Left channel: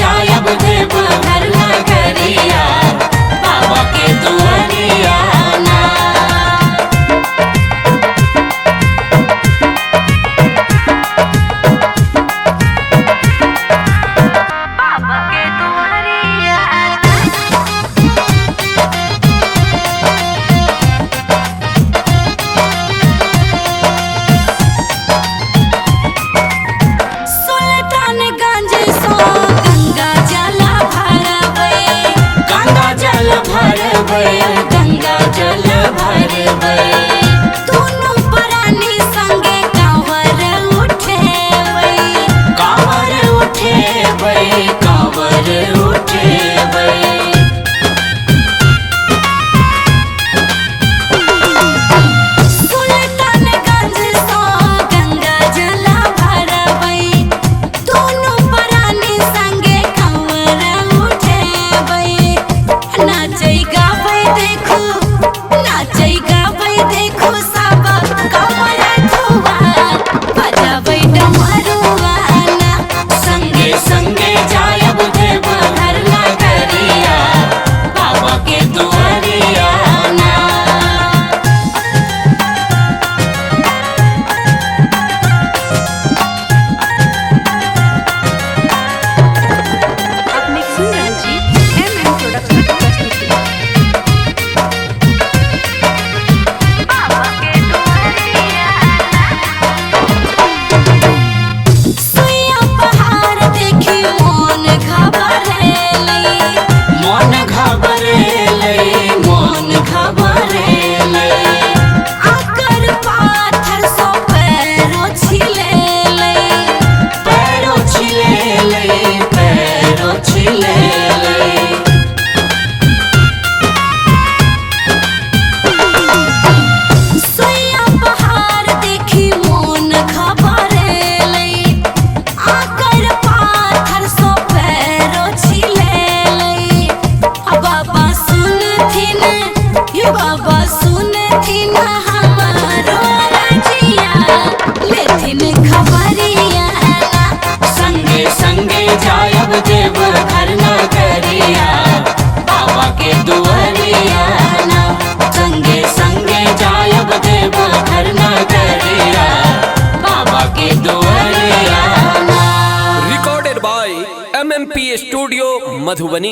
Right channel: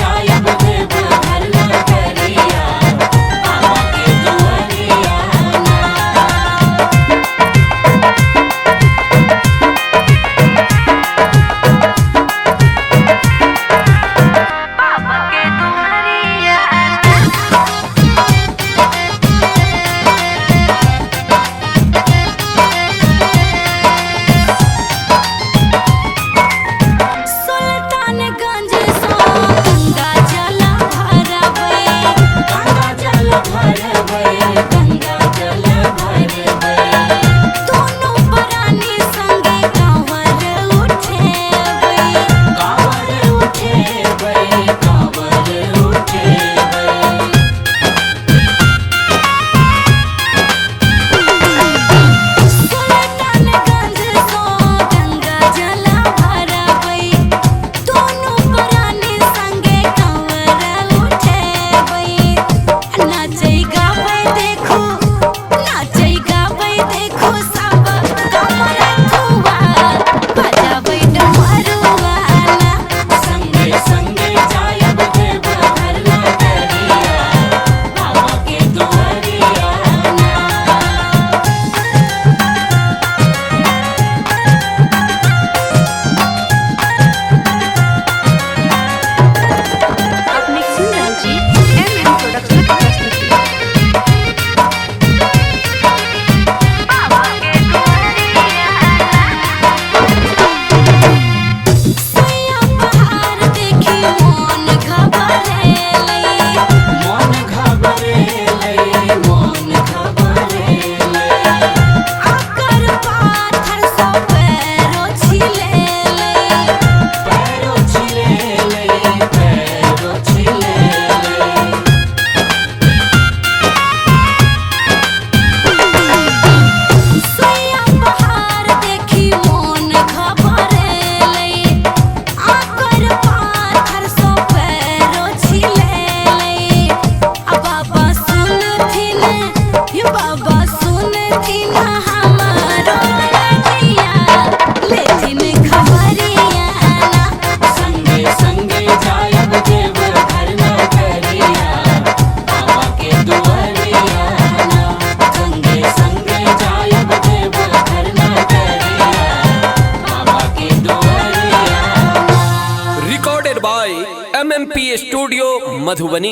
जायब देव घर नगरिया बाबा के दुआरिया ना। बाबा के दुआरिया सुल्तानगंज सो गंगा जल भरबै, गंगा जल भरबै, गंगा जल भरबै। दोनों प्राणी संगे कांवर उठेबै, कांवर उठेबै, कांवर उठेबै। सुल्तानगंज सो गंगा जल भरबै, दोनों प्राणी संगे कांवर उठेबै। नाचै गाबै देखो, नाचै गाबै देखो सब कमर धुआ बजाबै डमरुआ ना। संगे संगे जायब देव घर नगरिया बाबा के दुआरिया ना। अपने सुंदर जी MM प्रोडक्शन की प्रस्तुति। बाबा के दुआरिया ना। सुइया पहाड़ देखी मन घबरेलै, मन घबरेलै, मन घबरेलै। आकर पाथर सो पैरो छिलेलै, पैरो छिलेलै, पैरो छिलेलै। सुइया पहाड़ देखी मन घबरेलै, आकर पाथर सो पैरो छिलेलै। आ बाबा सुनथिन, ये बाबा सुनथिन हमारो रजिया लेथिन खबरिया ना। संगे संगे जायब देव घर नगरिया बाबा के दुआरिया ना। संगे संगे जायब देव घर नगरिया बाबा के दुआरिया ना। recorded by MMP Studio Madhubani।